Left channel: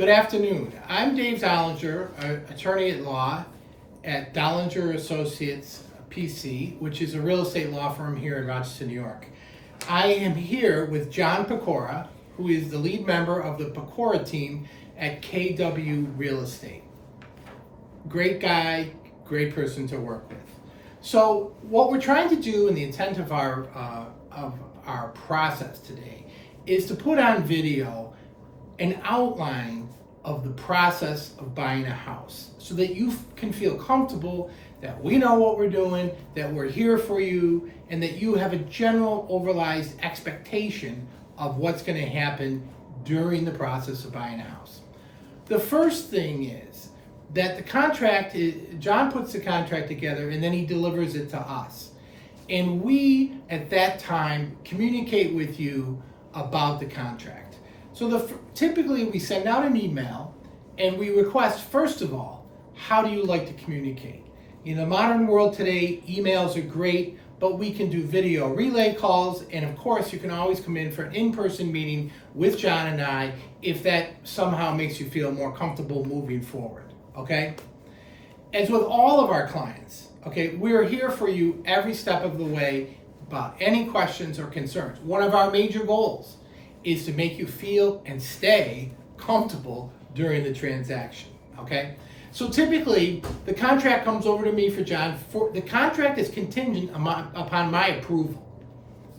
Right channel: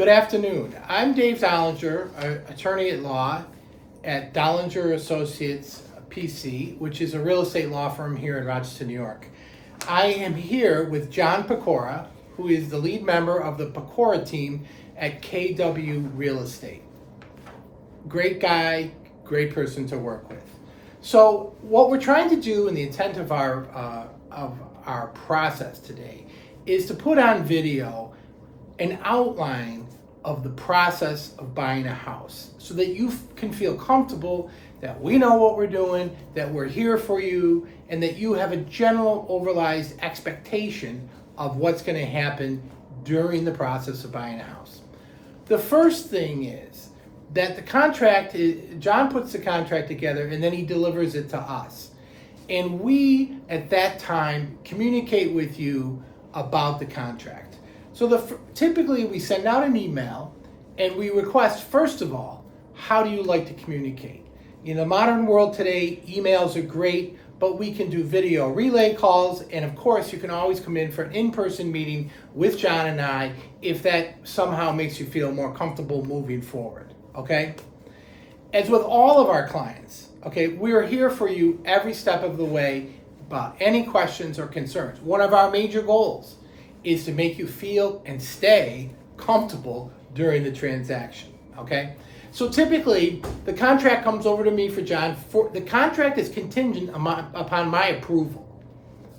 Good afternoon. I'm Dave Dollinger, attorney at law at Dollinger Associates PC, which is a real estate law firm here in Rochester, New York. I am here with John Pecora, who is the lead member of the Pecora team at KW Real Estate. Great guy, great person to work with. So what we're trying to do in the intent of our process today is to put on video an outline of the process of buying a house so that you can feel comfortable that we know what we're doing, that we're here for you, and that you have a general overlaid expectation of what's going to happen during the process of buying a house. The first thing is that the contract, John puts the contract together and then he delivers it to us. And we, at that time, communicate with you about the contract. So typically we send out an email and we request, first of all, how do you like to communicate? In the modern world today, emails are great, but we can do video relay calls, and of course you can always come in for an in-person meeting with John and I if that somehow makes you feel more comfortable moving forward, okay? As with all of our clients, okay, we are here for you every step of the way about any questions or concerns. One of our major goals is to make you feel and stay comfortable during the transaction, okay? So typically, the contract comes over to me for John. The contract is contingent upon my approval,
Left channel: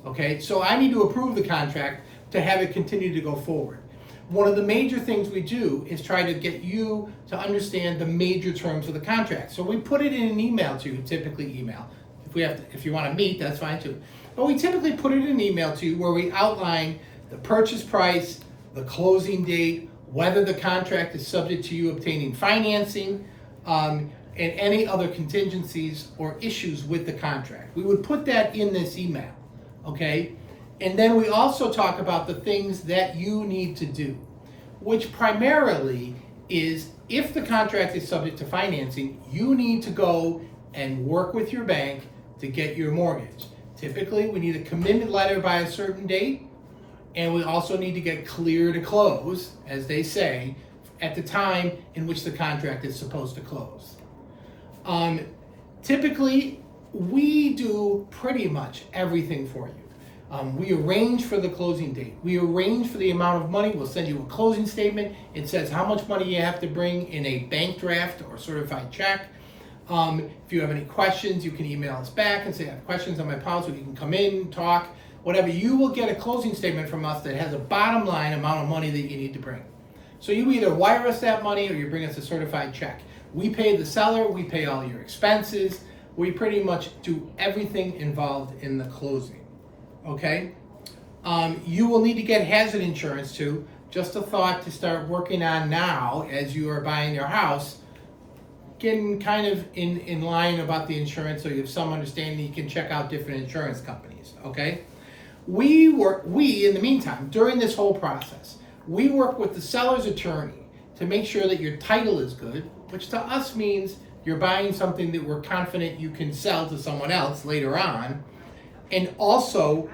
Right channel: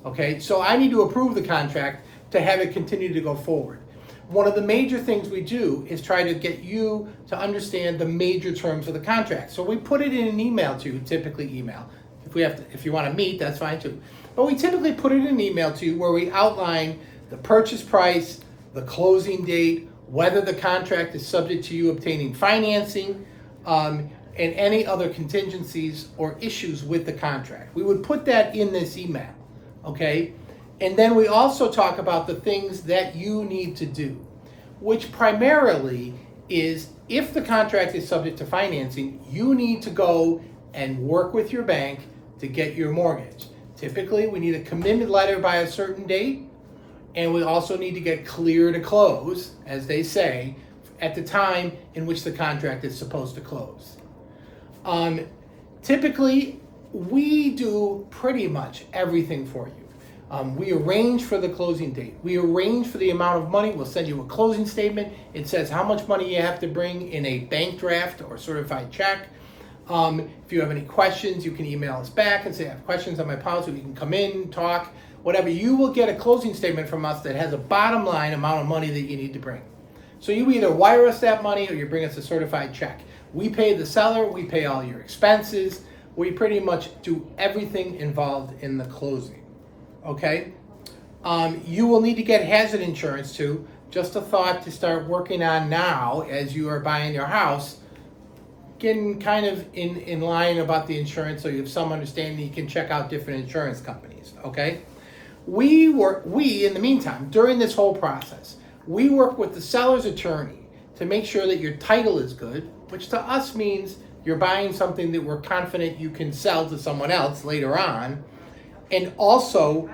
okay? So I need to approve the contract to have it continue to go forward. One of the major things we do is try to get you to understand the major terms of the contract. So we put it in an email to you, typically email. If you want to meet, that's fine too. But we typically put it in an email to you where we outline the purchase price, the closing date, whether the contract is subject to you obtaining financing, and any other contingencies or issues with the contract. We would put that in this email, okay? And then we also talk about the things that you need to do, which primarily is if the contract is subject to financing, you need to go and work with your bank to get your mortgage. Typically, we need a commitment letter by a certain date, and we also need to get clear to close, as they say, at the time in which the contract is supposed to close. Typically, we do pretty much everything for you. We arrange for the closing date. We arrange for the amount of money. We'll send you a closing statement. It says how much money you have to bring in a bank draft or certified check. If you have any questions, you can email us back and say, I have questions on my policy. You can come in, talk, whatever. You will get a closing statement from us that has a bottom line amount of money that you need to bring. So you either wire us that money or you bring us a certified check. We pay the seller, we pay all your expenses. We pretty much do everything involved in the closing, okay? You will need to get hazard insurance too. Just a thought to start working on now as you are buying your house. Getting kind of in line about the insurance so you have some understanding. You can check out different insurance companies, okay? We, in the meantime, during this whole process, we work with the seller's attorney to make sure that your title is good, which to us means you're buying something that we're confident you can sell to someone else later on. And also,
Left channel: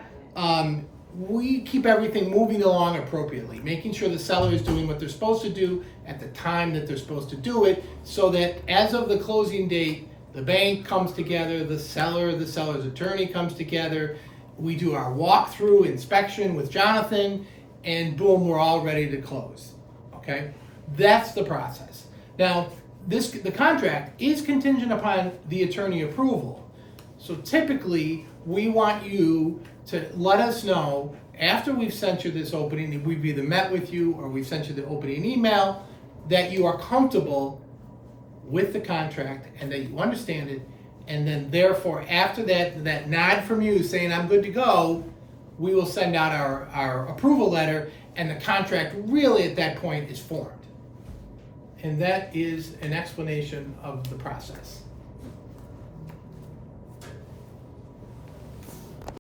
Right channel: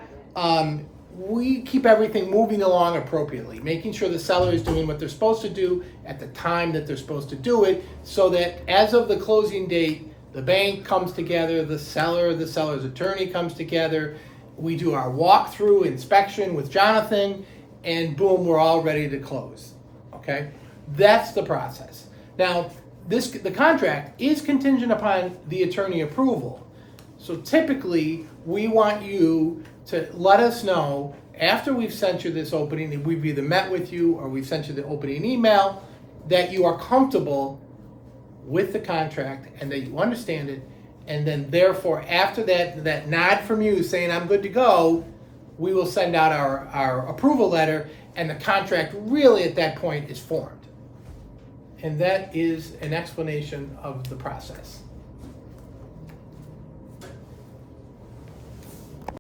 we keep everything moving along appropriately, making sure the seller is doing what they're supposed to do at the time that they're supposed to do it, so that as of the closing date, the bank comes together, the seller's attorney comes together, we do our walkthrough inspection with Jonathan, and boom, we're all ready to close, okay? That's the process. Now, the contract is contingent upon the attorney approval. So typically, we want you to let us know after we've sent you this opening, that we've either met with you or we've sent you the opening email, that you are comfortable with the contract and that you understand it. And then therefore, after that nod from you saying I'm good to go, we will send out our approval letter, and the contract really at that point is formed. And that is an explanation of the process.